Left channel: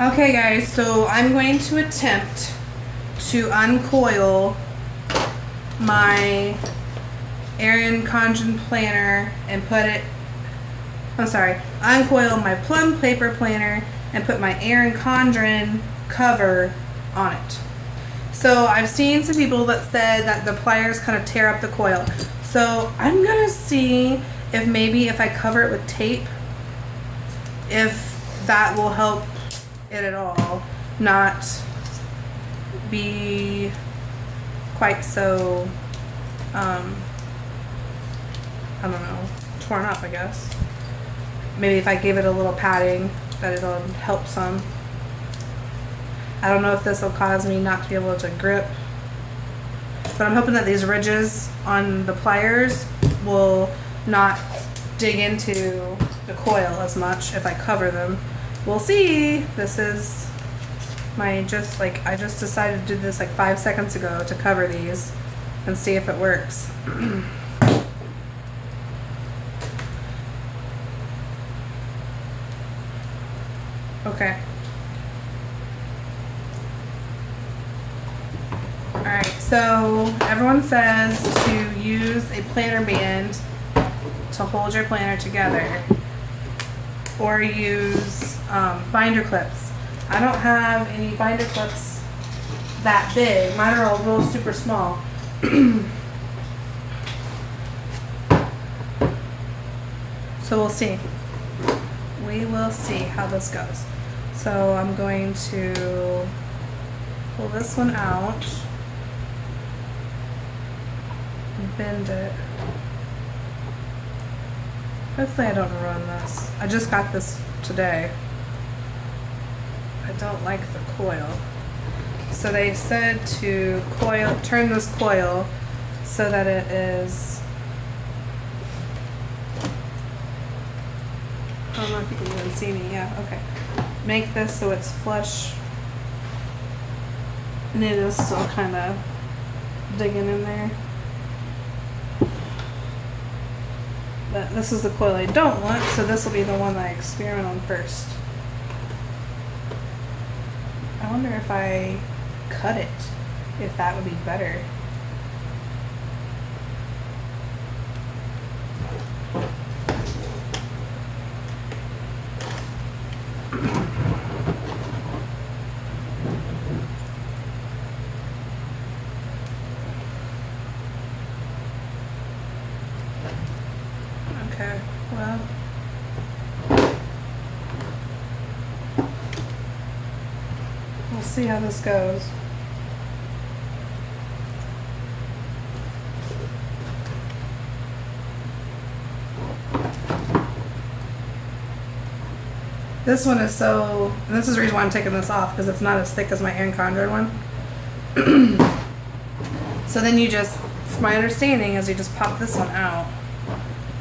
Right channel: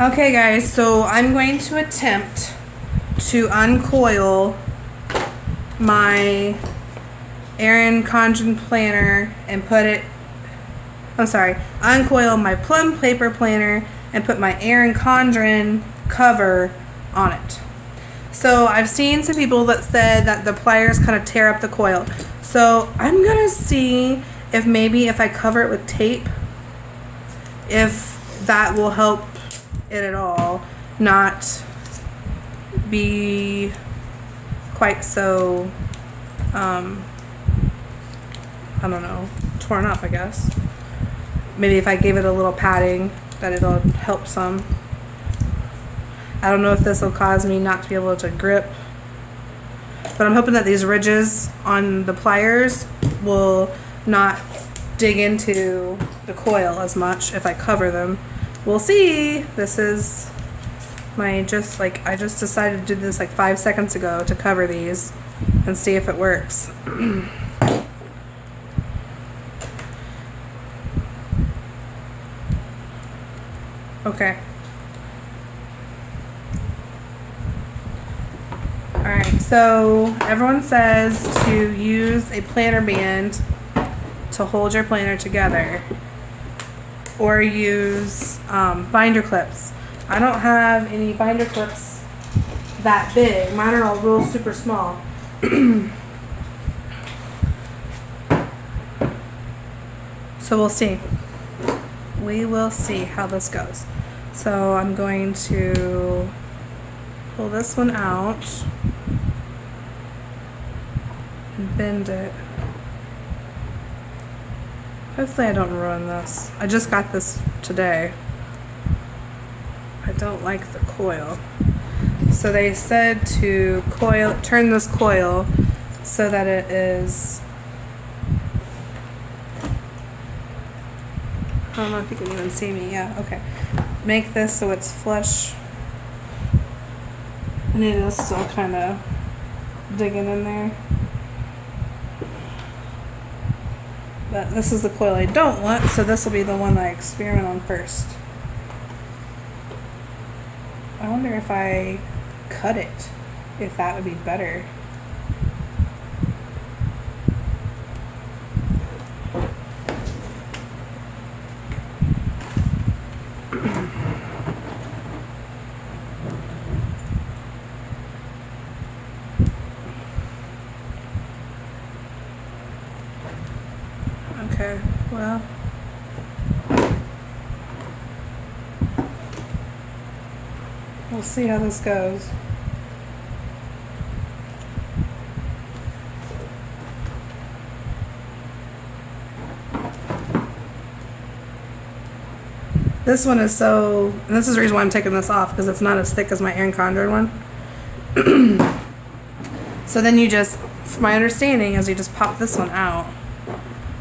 Okay guys, so I'm going to attempt to uncoil my Erin Condren planner and put it, uncoil my Plum Paper Planner and put my Erin Condren cover on it. So I've seen some people that said that the pliers kind of tear up the coil. So I'm gonna see if maybe if I cover it with tape, if that will help it at all not be quite so I don't know, torn up, I guess. Maybe if I give it a little padding that it'll help some. I don't know if this will cause me not to be able to grip, but I'm hoping that these ridges on the pliers will not dig into the coil as much if I cover them. We'll see. This is my I just decided to do this like 5 seconds ago to cover these and see if it works. Okay. Alright, so everyone says to use a planner band to hold your planner together, or use binder clips. I don't have any binder clips that big. Mine are all real super small. So we'll see. We will see how this goes. So I'm going to pull this one out and bend it. Hopefully I don't ruin this. I just got this today. I don't like the coil. So they said to turn this coil so that it is, I don't know if you can even see me. Yeah, okay. Make this so it's flush. And it is still kind of digging in there. But this is the coil I don't want, so this will be the one that I experiment on first. I wonder if I cut it, if that would be better. Okay, well, we'll see how this goes. This one is so, and this is the reason why I'm taking this off, because it's not as thick as my Erin Condren one. So then you just, from my understanding, is you just pop this one out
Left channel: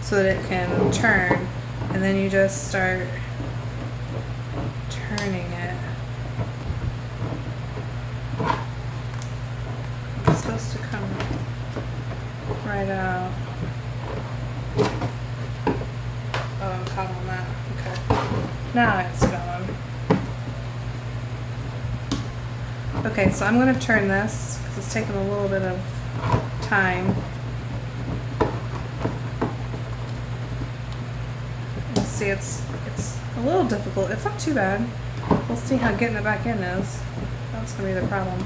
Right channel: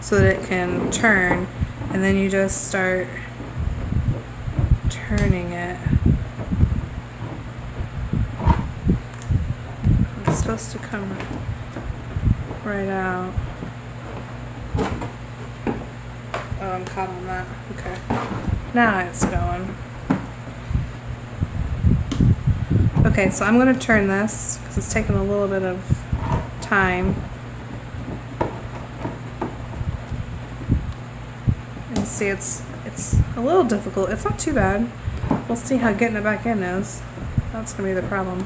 so that it can turn, and then you just start turning it. It's supposed to come right out. Oh, I'm caught on that. Okay. Now it's going. Okay, so I'm going to turn this because it's taking a little bit of time. And see, it's a little difficult. It's not too bad. We'll see how getting it back in is. That's going to be the problem.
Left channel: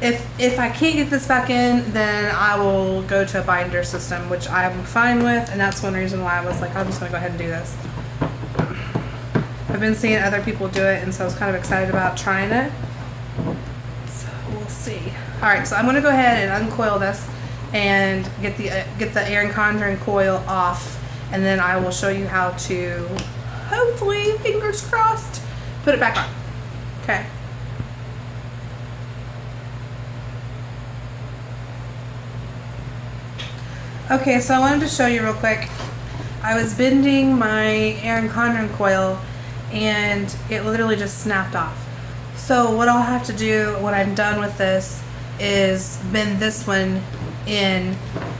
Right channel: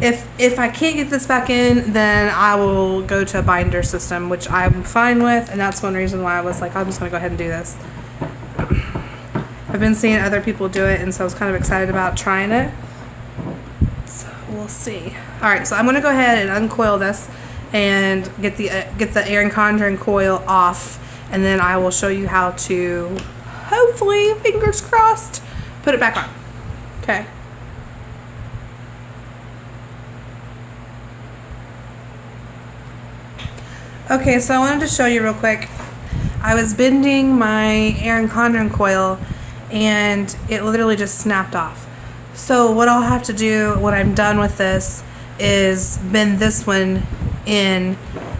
If I can't get this back in, then I will go to a binder system, which I'm fine with, and that's one reason why I was like, I'm just going to go ahead and do this. I've been seeing other people do it, and so I was kind of excited about trying it. So we'll see. All right, so I'm going to go ahead and uncoil this and get the Erin Condren coil off, and then I will show you how to, hopefully, fingers crossed, put it back on. Okay. Okay, so I wanted to show you real quick. I was bending my Erin Condren coil, and it literally just snapped off. So what I'll have to do when I'm done with this is bend this one in,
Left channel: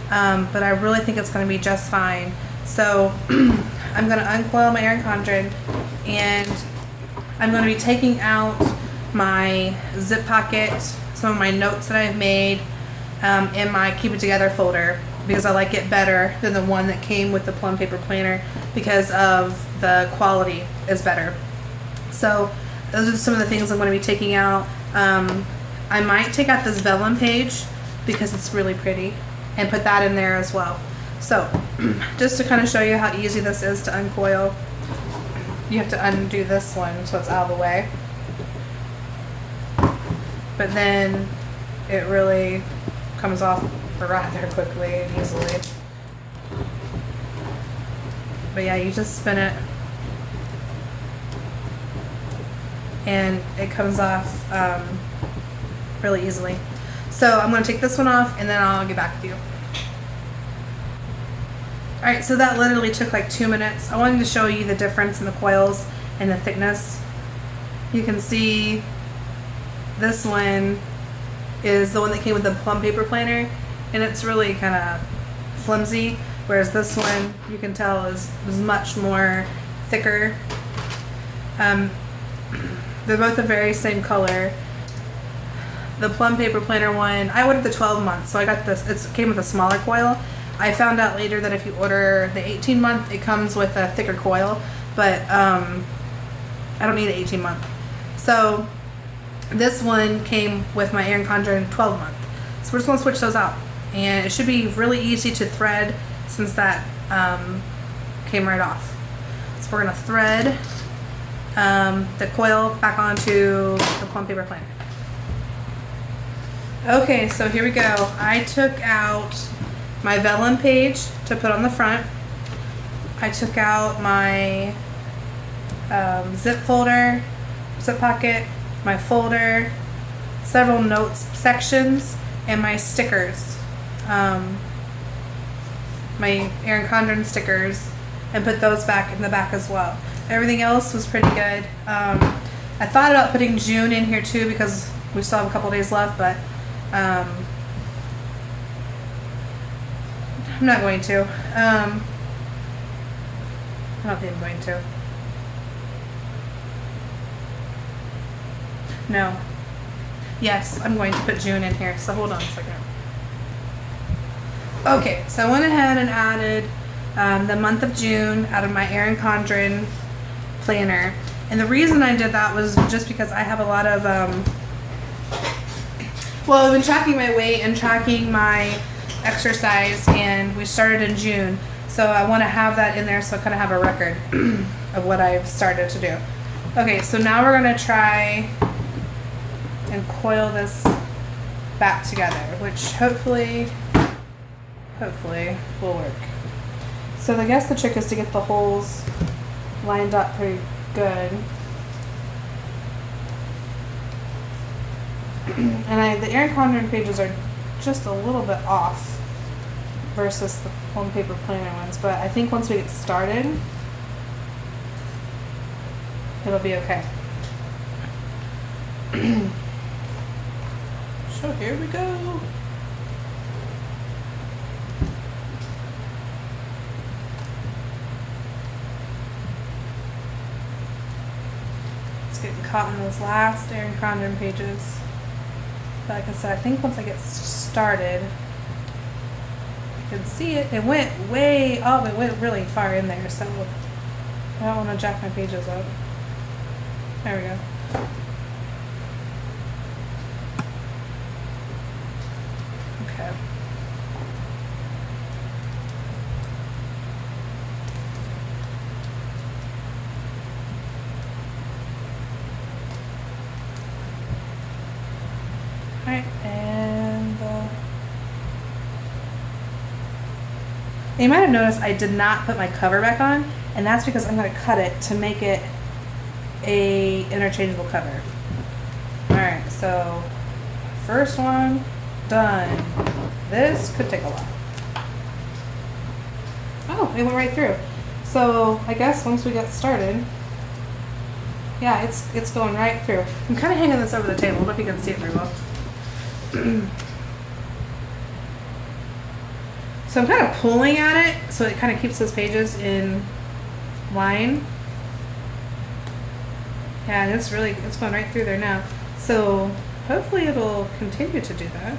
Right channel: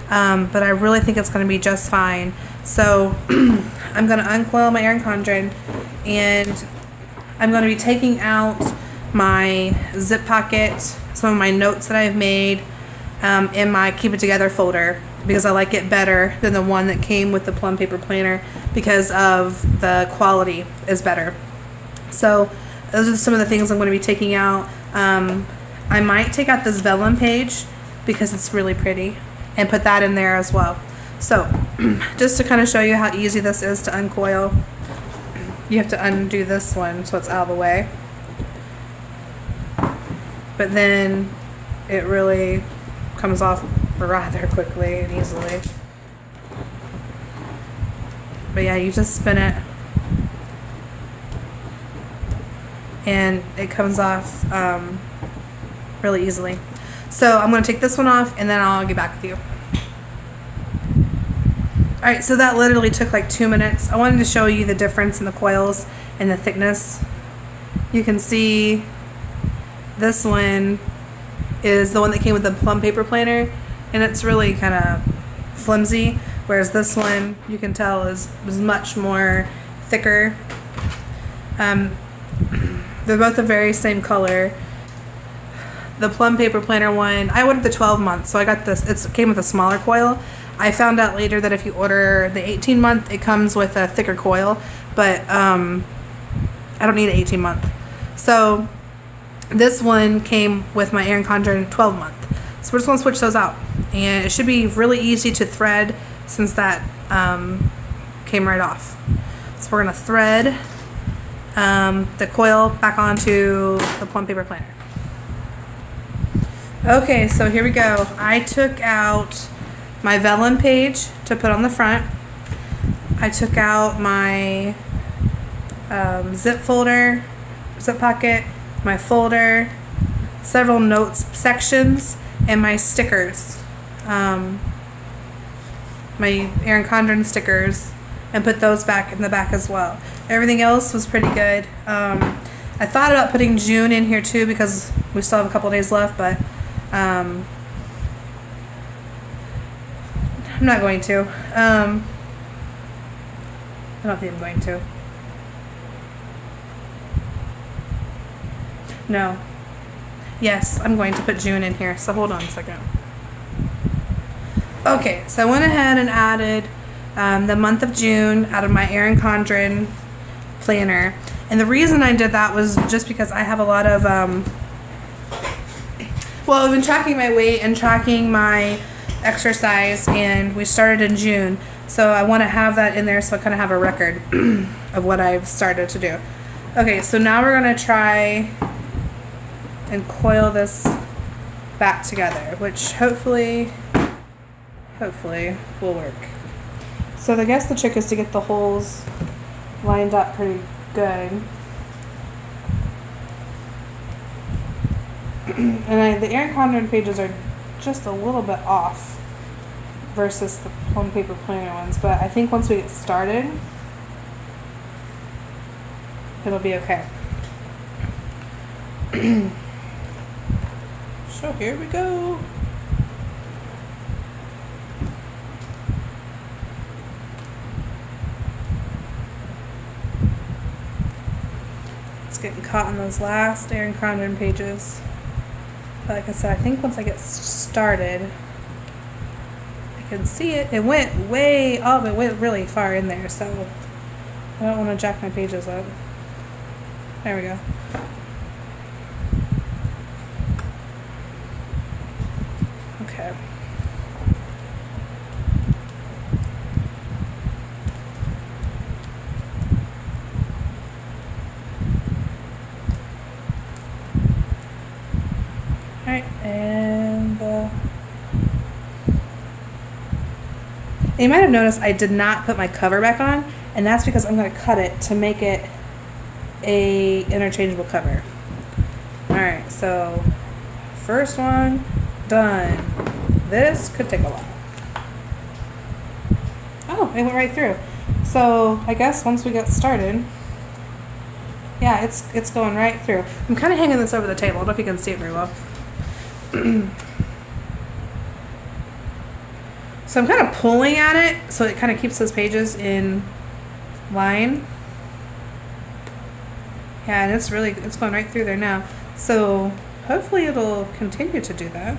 but I really think it's going to be just fine. So I'm going to uncoil my Erin Condren, and I'm going to be taking out my zip pocket, some of my notes that I've made in my Keep It Together folder, because I like it better than the one that came with the Plum Paper Planner because of the quality is better. So those are some of the things I'm going to be taking out. I might take out this vellum page because it's really pretty and put that in there as well. So just to kind of show you how easy this is to uncoil, you have to undo this one so it's out of the way. But then it really comes off rather quickly and easily. But yeah, you just spin it and it comes off really easily. So I'm going to take this one off and then I'll get back with you. Alright, so that literally took like 2 minutes. I wanted to show you the difference in the coils and the thickness. You can see this one is the one that came with the Plum Paper Planner, and it's really kind of flimsy, whereas this one you can tell is much more thicker. They're both the very same color. The Plum Paper Planner one, I ordered the 12 month, so I got this. It came with a smaller coil. I found out later that if you order the 18 month, it comes with a thicker coil, but I don't need an 18 month. So this one came with my Erin Condren 12 month. So we're just going to switch those out. And it should be really easy to thread since that came right off. So we're going to thread the coil back onto the Plum Paper Planner. Okay, so here we go. I took out my vellum page to put on the front. I took out my zip folder, zip pocket, my folder, several notes sections, and my stickers, my Erin Condren stickers, and put those back in the back as well. Everything else was pretty good. I thought about putting June in here too because we still have a couple days left, but I'm not going to. I don't think I'm going to. No. Yes, I'm going to put June in here, so hold on a second. Okay, so I went ahead and added the month of June out of my Erin Condren planner. And the reason I did that was just because I have a lot of, well, I've been tracking my weight and tracking my exercise, and we started in June. So I want to have that in there so I kind of have a record of what I've started to do. Okay, so now we're going to try and coil this back together, which hopefully will work. So I guess the trick is to get the holes lined up pretty good. And the Erin Condren pages are just a little bit off versus the Plum Paper Planner ones, but I think once we get started, it'll be okay. So here we go. It's getting caught in those last Erin Condren pages. But like I said, I think once I get started, I can see it. It went it went really far in there, so I don't want to jack my pages up. There we go. Okay. Alright, and you might have noticed I did not put my cover back on, and that's because I'm going to cut it to make it a interchangeable cover. Alright, so first one done. This could take a while. Oh, it went right through. So I guess once we get started, yeah, it's going right through. I'm kind of hanging this over the table. I don't know if you can see it very well. So I'm kind of pulling at it so it kind of keeps those pages in line. Yeah, and it's going right through there now. So hopefully it'll continue to do that.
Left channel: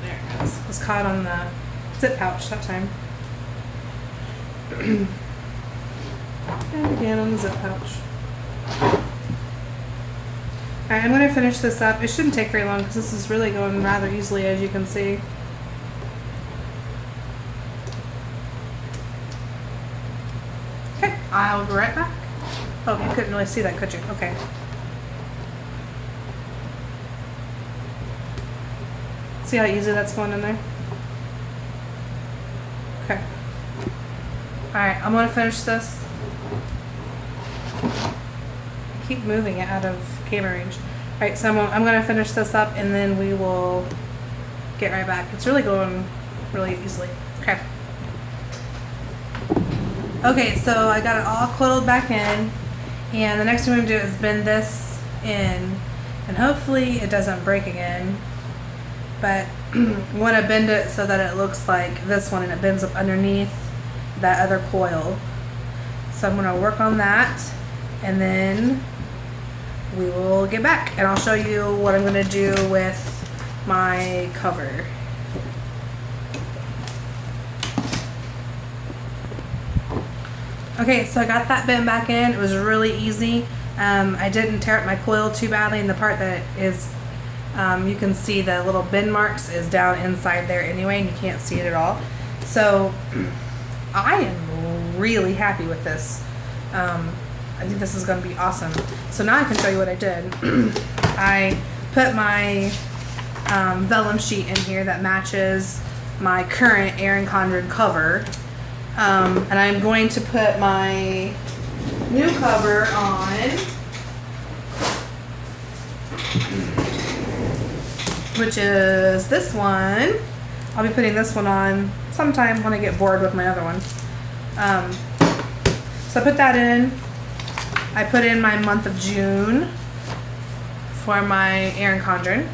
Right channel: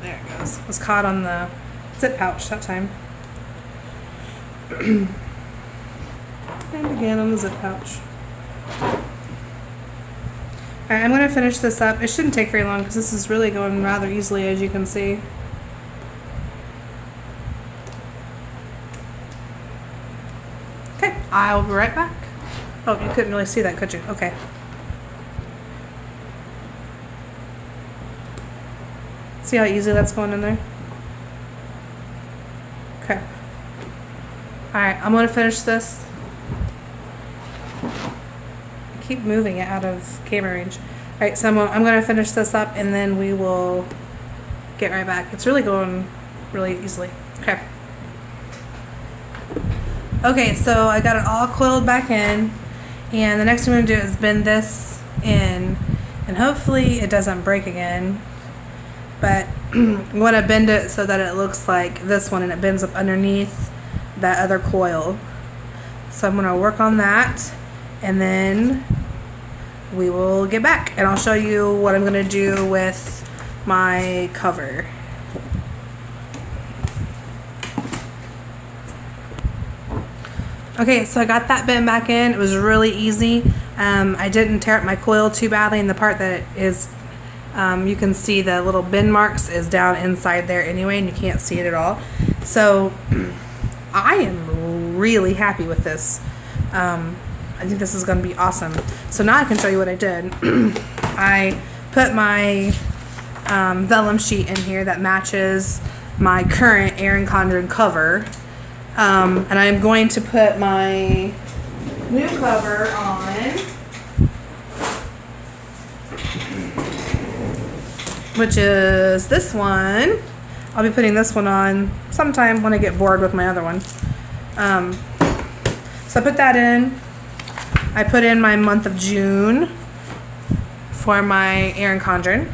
There it goes. It was caught on the zip pouch that time. And again on the zip pouch. Alright, I'm going to finish this up. It shouldn't take very long because this is really going rather easily, as you can see. Okay, I'll be right back. Oh, you couldn't really see that, could you? Okay. See how easy that's going in there? Okay. Alright, I'm going to finish this. I keep moving it out of camera range. Alright, so I'm going to finish this up and then we will get right back. It's really going really easily. Okay. Okay, so I got it all coiled back in, and the next thing I'm going to do is bend this in, and hopefully it doesn't break again. But I'm going to bend it so that it looks like this one and it bends up underneath that other coil. So I'm going to work on that and then we will get back and I'll show you what I'm going to do with my cover. Okay, so I got that bent back in. It was really easy. I didn't tear up my coil too badly, and the part that is you can see the little bend marks is down inside there anyway, and you can't see it at all. So I am really happy with this. I think this is going to be awesome. So now I can show you what I did. I put my vellum sheet in here that matches my current Erin Condren cover. And I'm going to put my new cover on, which is this one. I'll be putting this one on sometime when I get bored with my other one. So I put that in. I put in my month of June for my Erin Condren.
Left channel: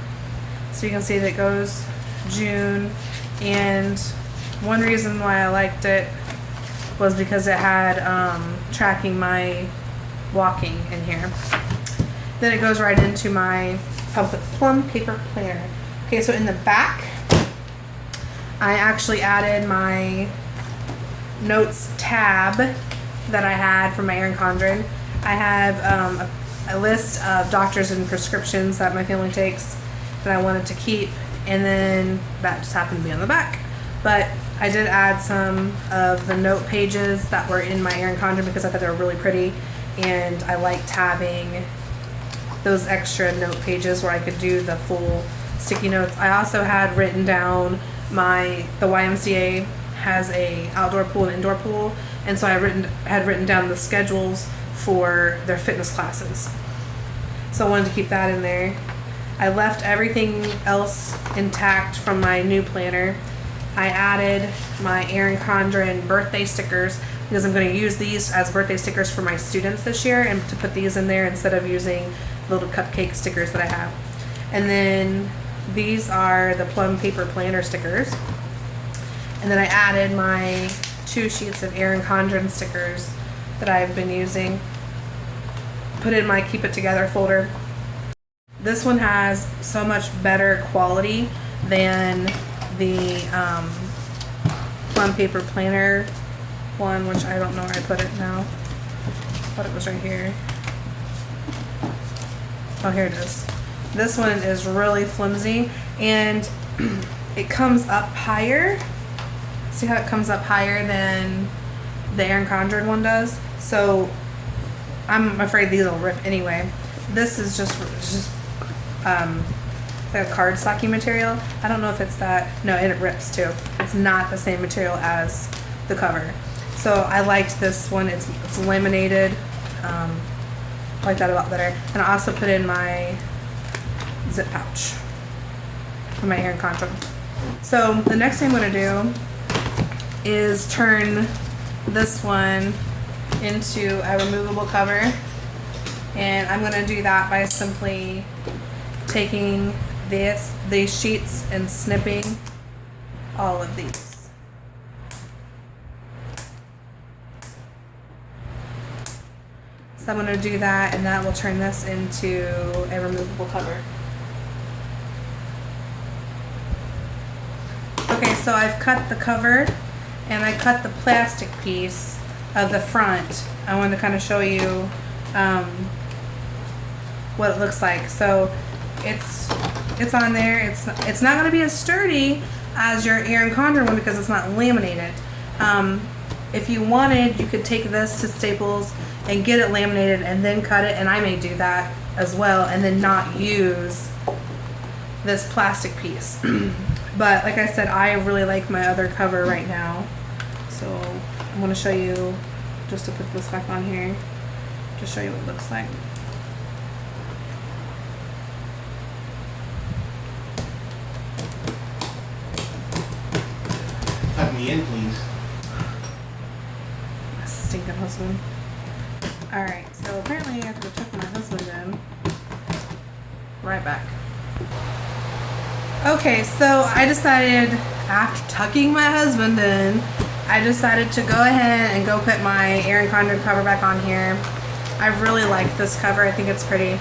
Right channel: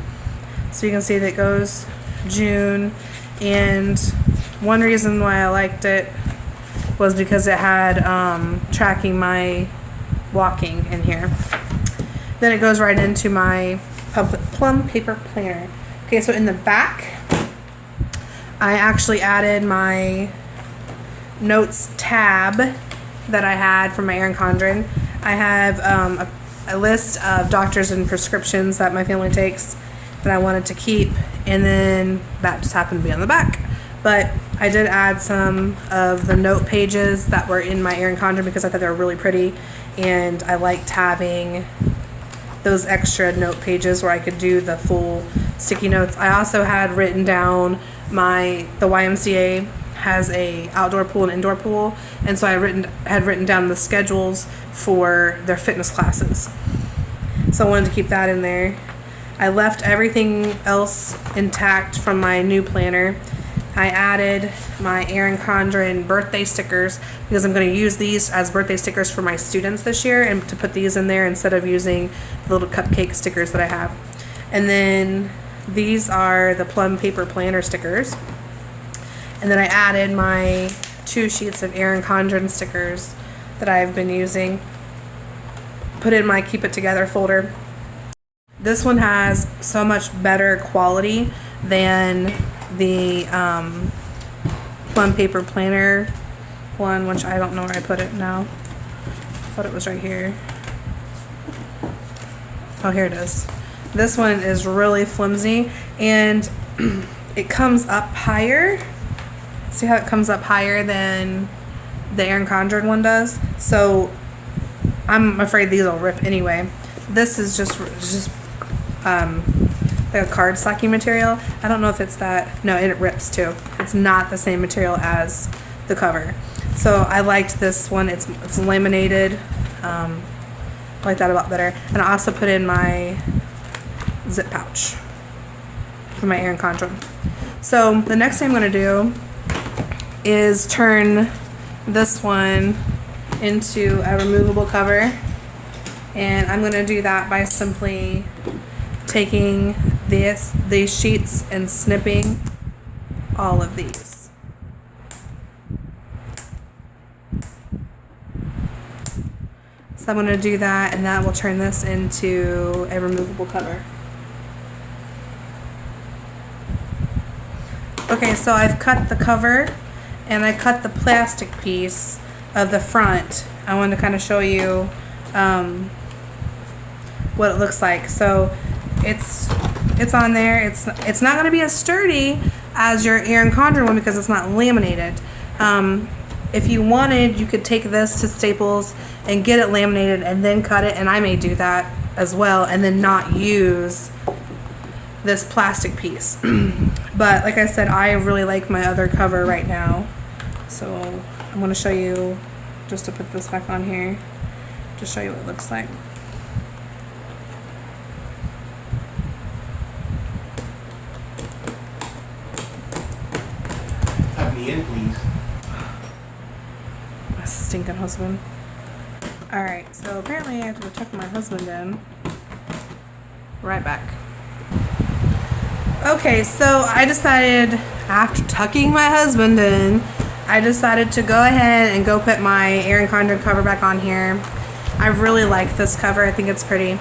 So you can see that it goes June, and one reason why I liked it was because it had tracking my walking in here. Then it goes right into my Plum Paper Planner. Okay, so in the back, I actually added my notes tab that I had from my Erin Condren. I have a list of doctors and prescriptions that my family takes that I wanted to keep, and then that just happened to be on the back. But I did add some of the note pages that were in my Erin Condren because I thought they were really pretty, and I liked having those extra note pages where I could do the full sticky notes. I also had written down the YMCA has a outdoor pool and indoor pool, and so I had written down the schedules for their fitness classes. So I wanted to keep that in there. I left everything else intact from my new planner. I added my Erin Condren birthday stickers because I'm going to use these as birthday stickers for my students this year, and to put these in there instead of using the little cupcake stickers that I have. And then these are the Plum Paper Planner stickers. And then I added my 2 sheets of Erin Condren stickers that I've been using. Put in my Keep It Together folder. This one has so much better quality than the Plum Paper Planner one, which I don't know where I put it now. I thought it was right here. Oh, here it is. This one is really flimsy, and it comes up higher. See how it comes up higher than the Erin Condren one does? So I'm afraid these will rip anyway. This is just a card stocking material. I don't know if it's that. No, it rips too. It's not the same material as the cover. So I liked this one. It's laminated. I like that a lot better. And I also put in my zip pouch for my Erin Condren. So the next thing I'm going to do is turn this one into a removable cover. And I'm going to do that by simply taking these sheets and snipping all of these. So I'm going to do that, and that will turn this into a removable cover. Okay, so I've cut the cover and I cut the plastic piece of the front. I wanted to kind of show you what it looks like. So it's on there. It's not going to be as sturdy as your Erin Condren one because it's not laminated. If you wanted, you could take this to Staples and get it laminated and then cut it, and I may do that as well, and then not use this plastic piece. But like I said, I really like my other cover right now, so I'm going to show you, just to put this back on here, to show you what it looks like. Tuck me in, please. My stinking husband. Alright, so apparently I have to tuck my husband in. Right back. Okay, so I decided, after tucking my husband in, I decided to go ahead and go put my Erin Condren cover back on here. I really like this cover. I think it's pretty.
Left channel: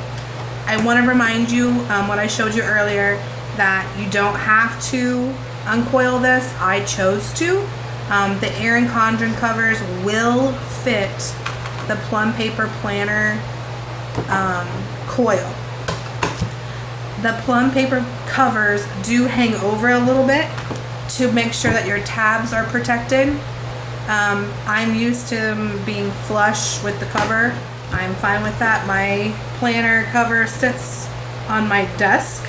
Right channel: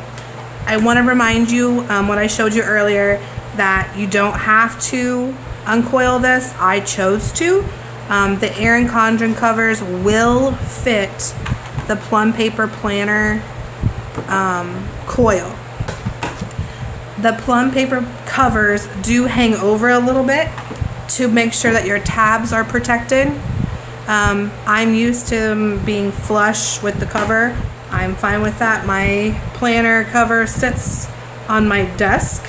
I want to remind you what I showed you earlier, that you don't have to uncoil this. I chose to. The Erin Condren covers will fit the Plum Paper Planner coil. The Plum Paper covers do hang over a little bit to make sure that your tabs are protected. I'm used to being flush with the cover. I'm fine with that. My planner cover sits on my desk,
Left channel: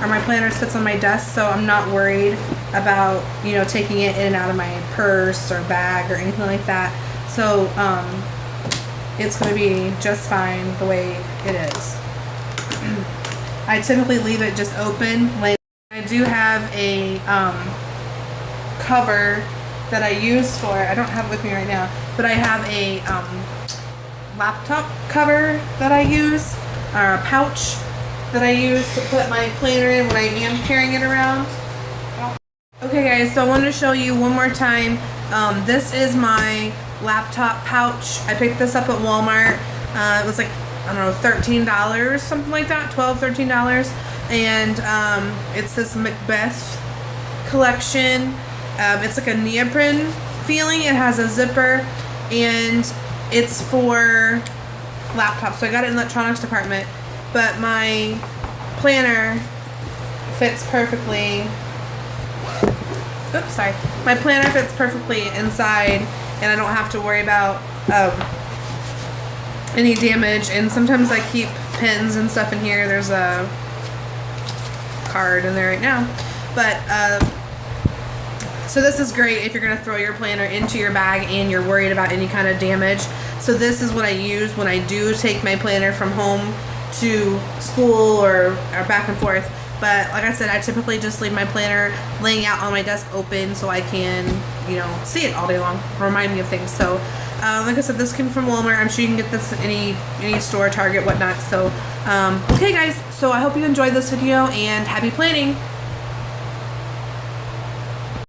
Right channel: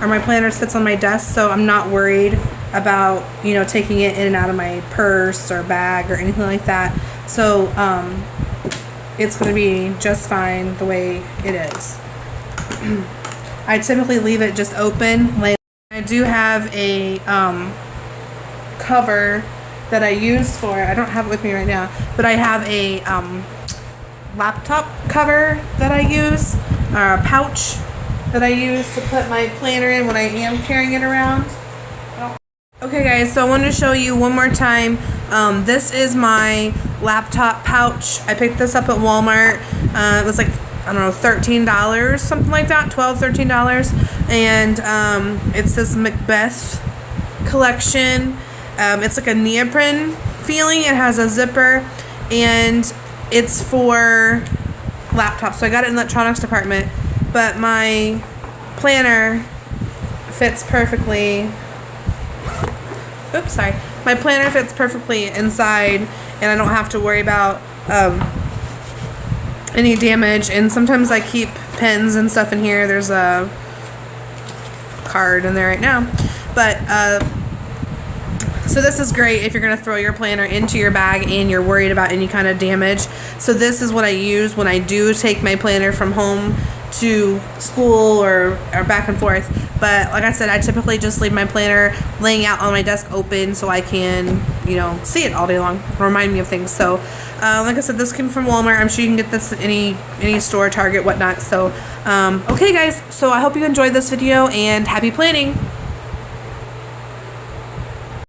or my planner sits on my desk, so I'm not worried about, you know, taking it in and out of my purse or bag or anything like that. So it's going to be just fine the way it is. I typically leave it just open. Like, I do have a cover that I use for, I don't have it with me right now, but I have a laptop cover that I use, or a pouch that I use to put my planner in when I am carrying it around. Okay guys, so I wanted to show you one more time. This is my laptop pouch. I picked this up at Walmart. It was like, I don't know, $13, something like that, $12, $13. And it's this Macbeth collection. It's like a neoprene feeling. It has a zipper, and it's for laptops. So I got it in the electronics department, but my planner fits perfectly. Oops, sorry. My planner fits perfectly inside, and I don't have to worry about any damage. And sometimes I keep pens and stuff in here. There's a card in there right now, but so this is great if you're going to throw your planner into your bag and you're worried about any kind of damage. So this is what I use when I do take my planner from home to school or back and forth. But like I said, I typically just leave my planner laying out on my desk open so I can, you know, see it all day long, remind me of things. So like I said, this came from Walmart. I'm sure you can get this at any store, Target, whatnot. So okay guys, so I hope you enjoyed this video, and happy planning.